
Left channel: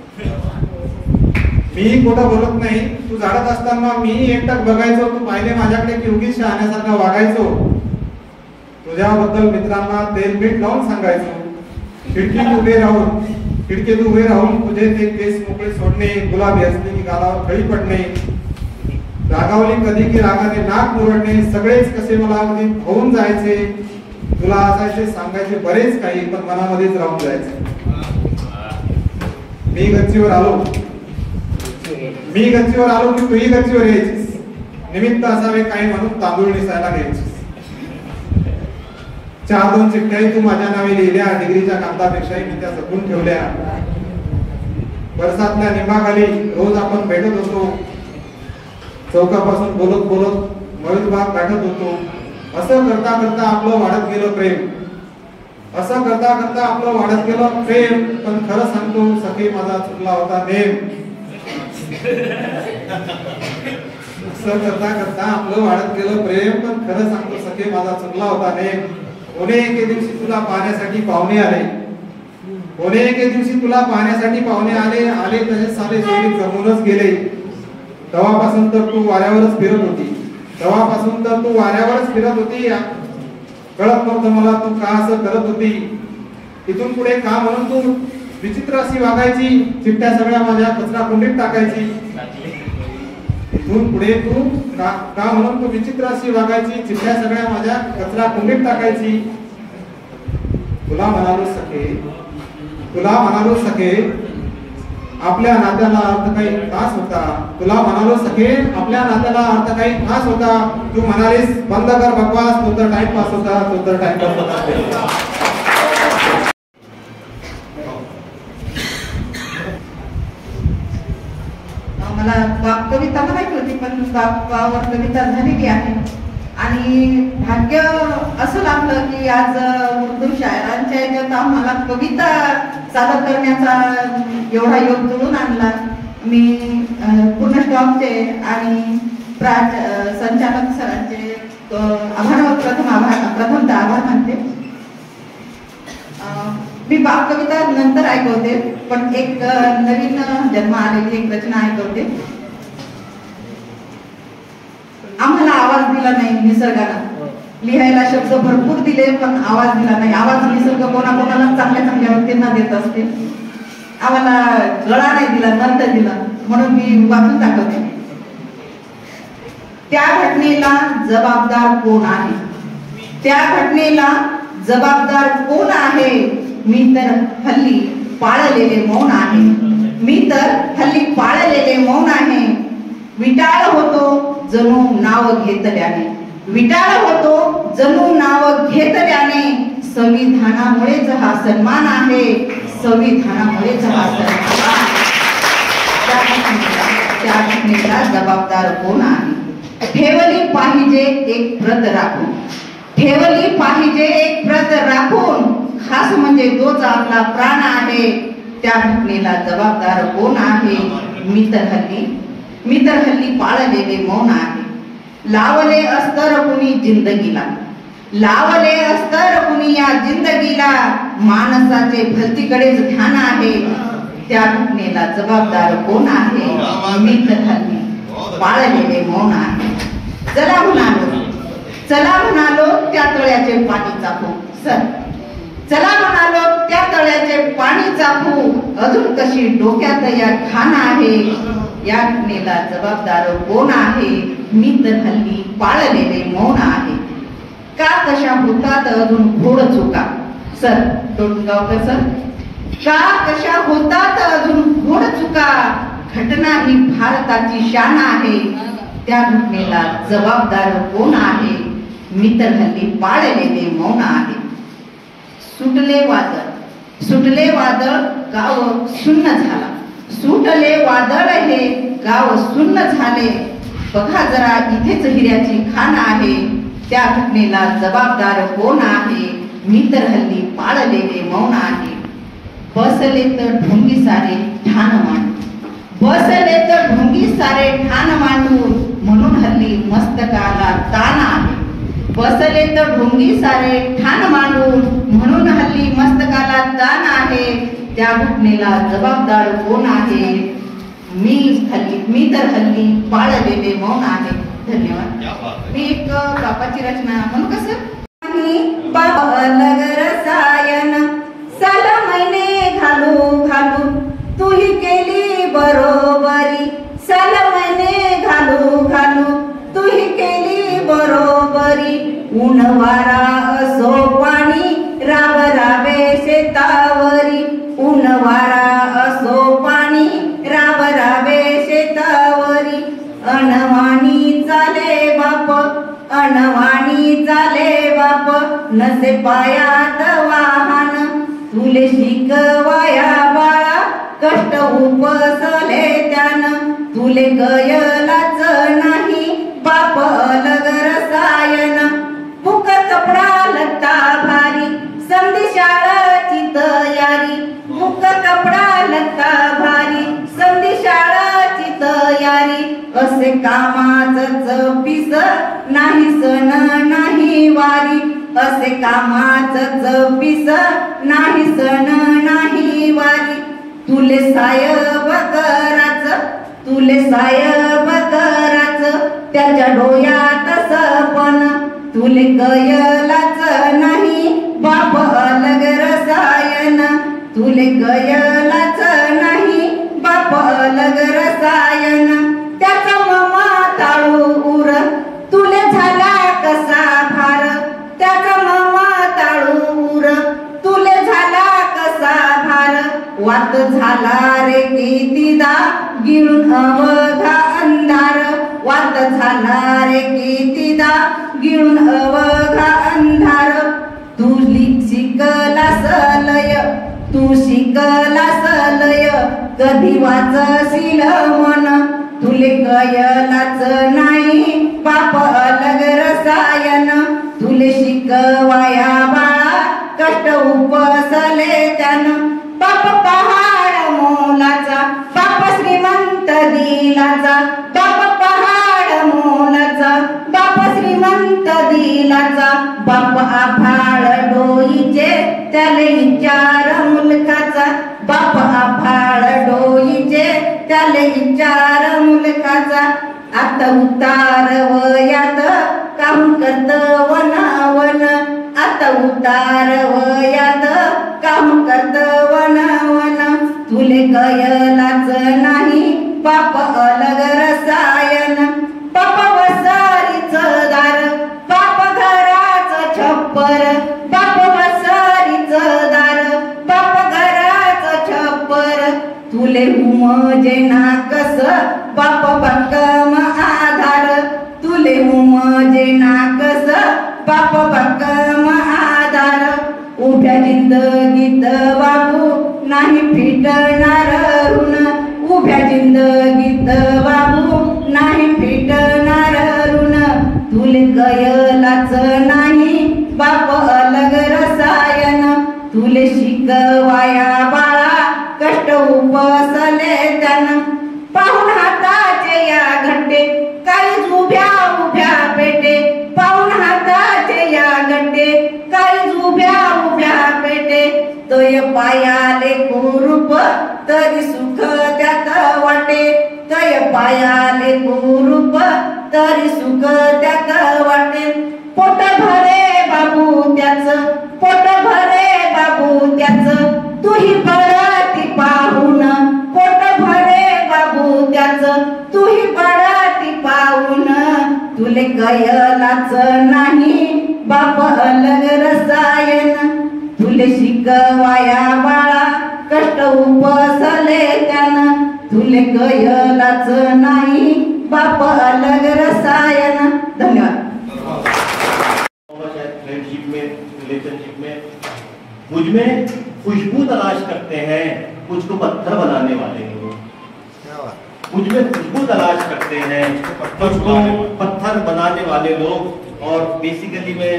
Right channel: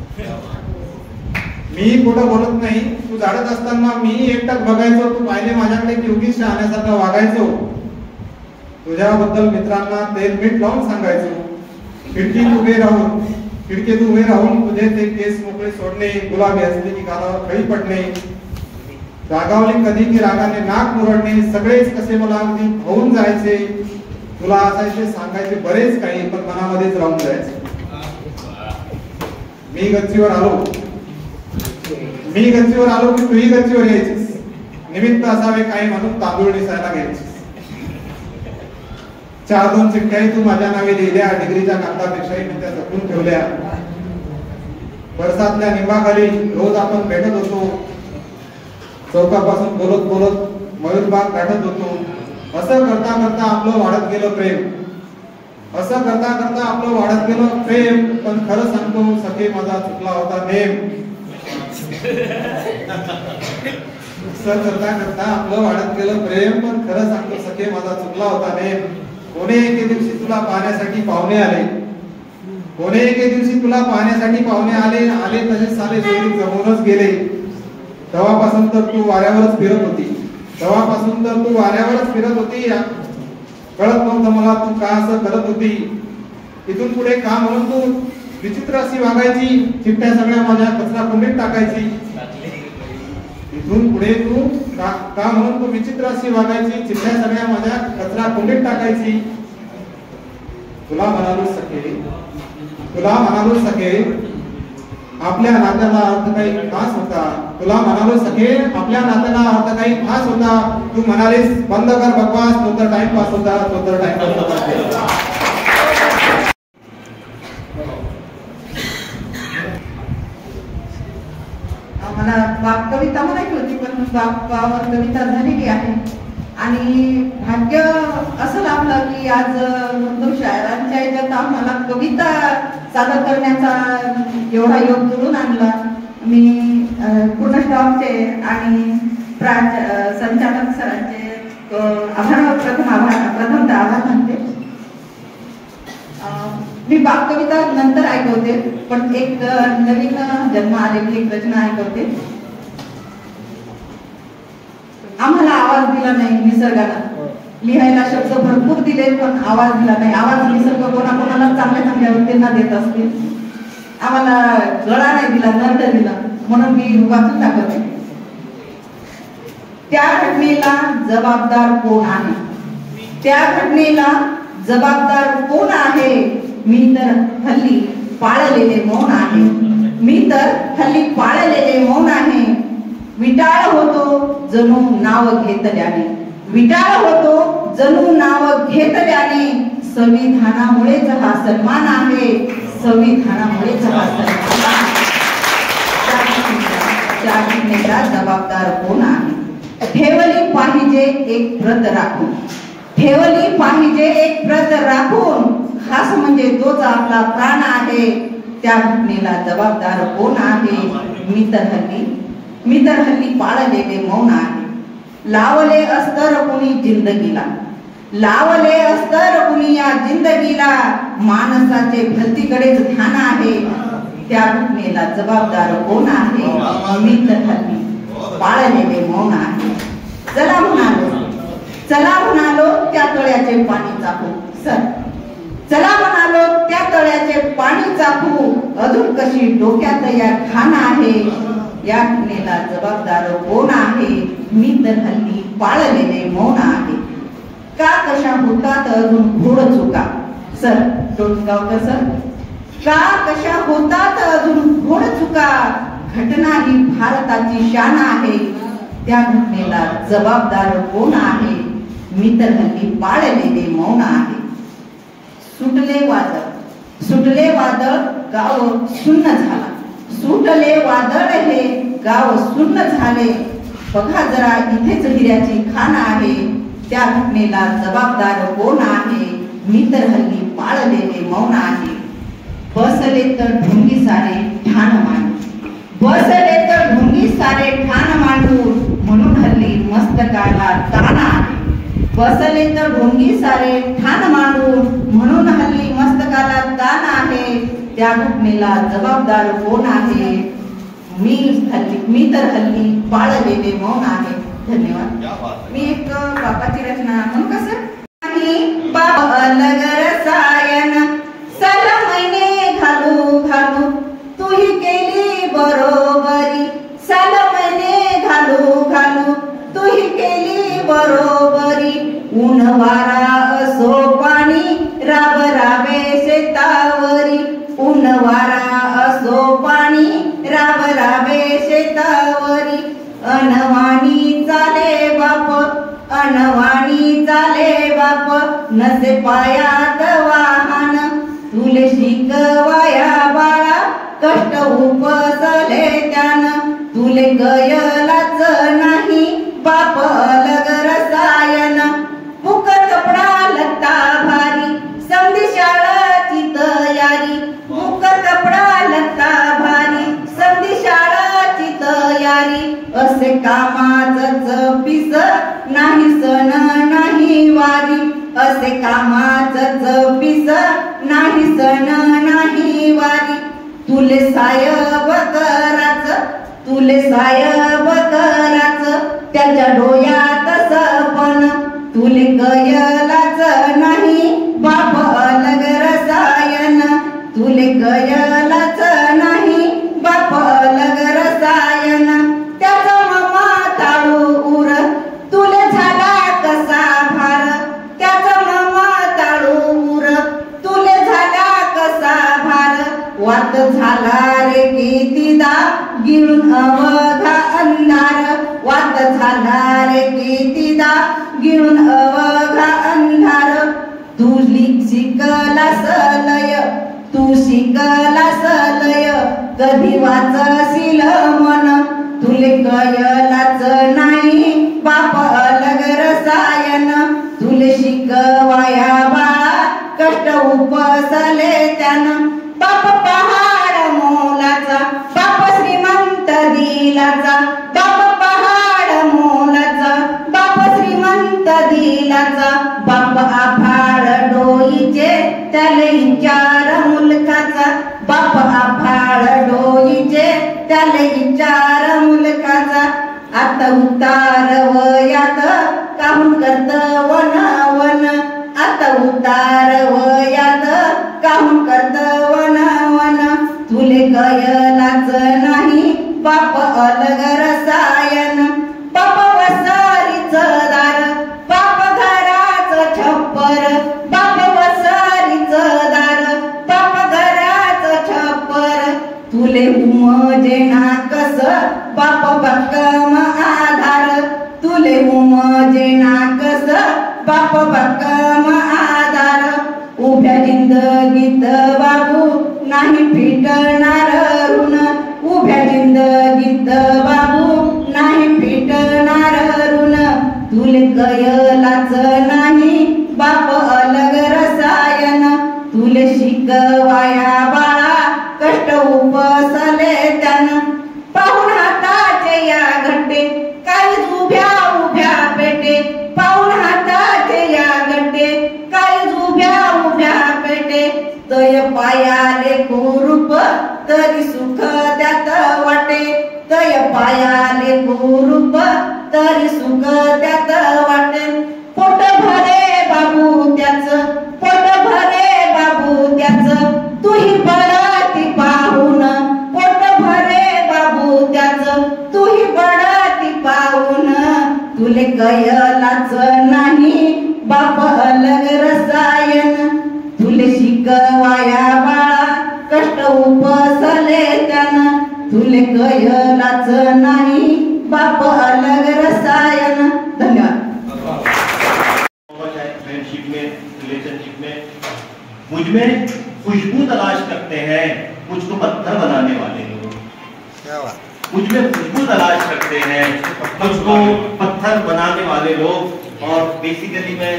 मीही खोटं बोलत नाही. तू झाडत असताना मीही एकटक बघायचो. तू पाहिले माझ्याकडे की उगीच शहाण्यासारखा वागायचो. तुझ्याबद्दल मित्रांना तेल मीठ लावून सांगायचो. खिडकीत उभे राहून तुझे ते केस मोकळे सोडणे, गुलाबी असले की गालावर खळी पडणे, रागावले कधी की रागाने नाक मुरडणे, सगळेच कसे मला अगदी होऊन जायचे. तुला असायचे सांगायचे बरेच काही, पण मनामध्येच राहून जायचे. मी गच्चीवर आलो की तूही गच्चीवर यायचीस. निमित्त असावे काही म्हणून तांदूळ निसायला घ्यायचीस. 4-2 चिठ्ठ्याही तू माझ्या नावे लिहिल्या. डिग्रीच्या कागदापेक्षाही मी त्या जपून ठेवल्या. बरसातल्या निंबाखाली रोज आपण भेटत होतो. चौकापासून बोलत बोलत मयूरबाग गाठत होतो. असं करता करता आपलं वाढत गेलं प्रेम. असं करता करता आपलं वाढत गेलं प्रेम. पण खरं सांगतो सखे माझा चुकला होता नेम. असं करता करता आपलं वाढत गेलं प्रेम. पण खरं सांगतो सखे माझा चुकला होता नेम. कोणे एके दिवशी तुला पाहण्यासाठी पाहुणे आले. कोणे एके दिवशी तुला पाहण्यासाठी पाहुणे आले. आले तसे साले सोयी जमूनच गेले. तेव्हापासून तर तू वाऱ्यावरच फिरत होती. तेव्हापासून तर तू वाऱ्यावरच फिरत होती. कळत नव्हतं मला तू का असं करत होती. इथून पुढे का म्हणून तू विचित्र अशी वागायची. चिठ्ठ्या सगळ्या माझ्या कचरा कुंडीत टाकायची. इथून पुढे तू का म्हणून तू विचित्र अशी वागायची. चिठ्ठ्या सगळ्या माझ्या कचरा कुंडीत टाकायची. तुला म्हणालो सखे आपल्या नात्याला अर्थ काही खास होता. तुला म्हणालो सखे आपल्या नात्याला अर्थ काही खास होता. तू म्हणालीस बंद कर बकवास, तो तर टाइमपास होता, तो तर टाइमपास होता. मला कविता म्हणायची होती, पण कविता झालेली आहे. आणि भाग्य असं लागलं की आज उर्दू शायरांच्या याच्यात आम्हाला कविता सादर करण्याचा एवढा योग जुळून आणला. मी पूर्ण स्टॉपचे आणि संचालक सरांचे प्रथमतः आभार मानते. मी बाप कविता नंतर ऐकवते, पण एक नवीन जन्म आलेली एक रचना ऐकवते. आम्हाला आवाज दिला नाही निसर्गाला. लिहायला शब्द भरपूर दिले पण आवाज दिला नाही. आवाज निसर्ग कोणाकोणाला चांगल्या चांगल्या व्यक्तींना देत असते. आम्हाला गळा नाही दिला, दंड दिला, म्हणून मी वाचून दाखवते. त्या घटनेला जबाबदार कोण आहे. त्या घटनेला जबाबदार कोण आहे. मी तर हल्ली पाळलेले मौन आहे. मी तर हल्ली पाळलेले मौन आहे. विटाळ होतो जणू नाव घेतल्याने. विटाळ होतो जणू नाव घेतल्याने. संविधानामुळेच हा सन्मान आहे. संविधानामुळेच हा सन्मान. त्या घटनेला जबाबदार कोण आहे. ठेवली पाहिजे एक प्रत राखून. ठेवली पाहिजे एक प्रत राखून. खास म्हणजे तोच आपला प्राण आहे. त्या घटनेला जबाबदार कोण आहे. मी तर हल्ली पाळलेले मौन आहे. लावले अस्तर कुणी जिंदगीला. लावले अस्तर कुणी या जिंदगीला. माणसाचे भलतीकडेच ध्यान आहे, त्या घटनेला जबाबदार कोण आहे? मी तर हल्ली पाळलेले मौन आहे. चला म्हणालो त्या तळ्याचे पाणी चाखू. सर चला म्हणालो त्या तळ्याचे पाणी चाखू. अजून कशी डोक्यात या घाण आहे, या घटनेला जबाबदार कोण आहे? मी तर हल्ली पाळलेले मौन आहे. का कशा होतात अजून घोड चुका? सर टोटगावकर सर, का कशा होतात अजून घोड चुका? घटना ही भारताची शान आहे, त्या घटनेला जबाबदार कोण आहे? मी तर हल्ली पाळलेले मौन आहे. सुटले वादळ गाव सुन्न झाला. सुटले वादळ हे गाव सुन्न झाले. बघा जरा इथेच हिऱ्याची खाण आहे, त्या घटनेला जबाबदार कोण आहे? मी तर हल्ली पाळलेले मौन आहे. बसले तर ढोंगी सारे ठाण मांडू. बसले तर ढोंगी सारे ठाण मांडू, म्हणून हल्ली मस्तकाला ताण आहे. बसले तर ढोंगी सारे ठाण मांडून, म्हणून हल्ली मस्तकाला ताण आहे, त्या घटनेला जबाबदार कोण आहे? मी तर हल्ली पाळलेले मौन आहे. धन्यवाद. मी एक बापाची रचना म्हणू का सर? बाबा अलग रसायन सल महिने घालू घालू, तूही केली बरोबरी. सल महिने घालू घालू, तूही केली बरोबरी. ऊन वारा असो पाणी राब राबे शेतावरी. ऊन वारा असो पाणी राब राबे शेतावरी. अनवाणी चाले बाप, अनवाणी चाले बाप, नसे पायात वाहन. तुले शिकवाया बाळा कष्ट उपसले त्यान. तुले गयलाच नाही बाप अलग रसायन. फुकट कपडा लत्ता भारी, समधी शाळाची तयारी. फुकट कपडा लत्ता भारी, समधी शाळाची तयारी. असे कामाच पिस नाही सण नाही वारी. असे कामाच पिस नाही सण नाही वारी. तुले साहेब कराच, तुले साहेब कराच, त्याच्या डोळ्यात सपन. तुले गयलाच नाही बाप अलग रसायन. तुले गयलाच नाही बाप अलग रसायन. त्याचा मामा ताळू उर, तुले झाला कसा भार. त्याचा मामा ताळू उर, तुले झाला कसा भार. वात झाला रे कितीदा गिळून अवघा अंधार. वात झाला रे कितीदा गिळून अवघा अंधार. तू शिकलास लय, तू शिकलास लय, कधी वाचशील मन. तुले कयलाच नाही बाप अलग रसायन. तुले शिकवाया बाळा कष्ट उपसले त्यान. बाप पहाड मोलाचा, बाप श्रीमंत दिलाचा. बाप पहाड मोलाचा, बाप श्रीमंत दिलाचा. बाप आभाळ डोईचे त्याले विचार मुलकाचा. बाप आभाळ डोईचे त्याले विचार मुलकाचा. आता उतार वयात काहून करत वन वन. आता उतार वयात काहून करत वन वन. तुले कयलाच नाही बाप अलग रसायन. बाप वसारीच दार, बाप घराच छप्पर. बाप वसारीच दार, बाप घराच छप्पर. तुले उमजे ना कस बाप भक्कम आधार. तुले उमजे ना कस बाप भक्कम आधार. उभ्या जिंदगीत बाबू नाही फिटणार ऋण. उभ्या जिंदगीत बाबू नाही फिटणार ऋण. तुले गयलाच नाही बाप अलग रसायन. तुले शिकवाया बाळा कष्ट उपसले त्यान. पाहून हाताचे या घट्टे काही उभ्या उभ्या पेटे. पाहून सुख त्यात वाटे तय पायाले कुरूप तरी सुख त्यात वाटे पोट भरे बाबू त्याच पोट भरे बाबू त्याच तुही बळाती पाहून पोट भरे बाबू त्याच तुही बळाती पाहून तुले कयलाच नाही बाप अलग रसायन तुले शिकवाया बाळा कष्ट उपसले त्यानं तुले कयलाच नाही बाप अलग रसायन. धन्यवाद. फ्रेंडशिप में रिलेशनशिप में मुझ में खुशबू तलाश करते हैं मुझको पत्थर बनाने वाले लोग. मुझ में खुशबू तलाश करते हैं मुझको पत्थर बनाने वाले लोग. और बेसिकली मैं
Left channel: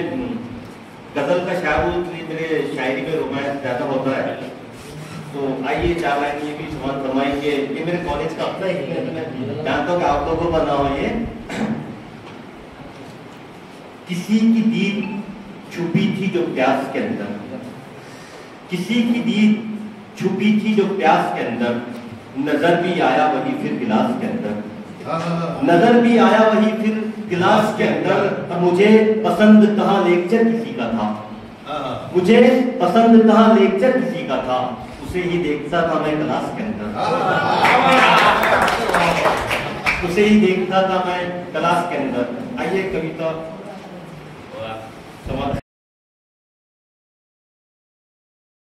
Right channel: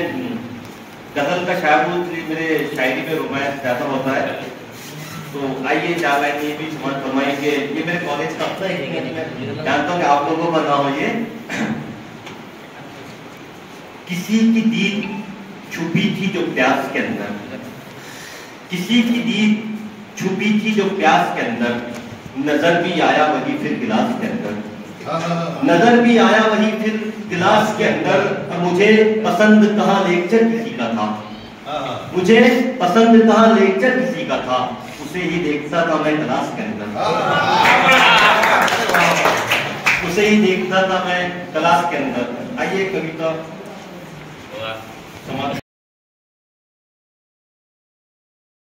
गजल का शायर हूँ इसलिए मेरे शायरी में रोमांस ज्यादा होता है. तो आइए 4 लाइन ये भी समझ फरमाएंगे. ये मेरे कॉलेज का अपना एक मैं जानता हूँ कि आप लोगों को बना हो. ये किसी की दीद छुपी थी जो प्यास के अंदर किसी की दीद छुपी थी जो प्यास के अंदर नजर भी आया वही फिर गिलास के अंदर नजर भी आया वही फिर गिलास के अंदर. मुझे पसंद कहाँ लेक्चर किसी का था मुझे पसंद कहाँ लेक्चर किसी का था उसे ही देखता था मैं क्लास के अंदर उसे ही देखता था मैं क्लास के अंदर. आइए कविता समाज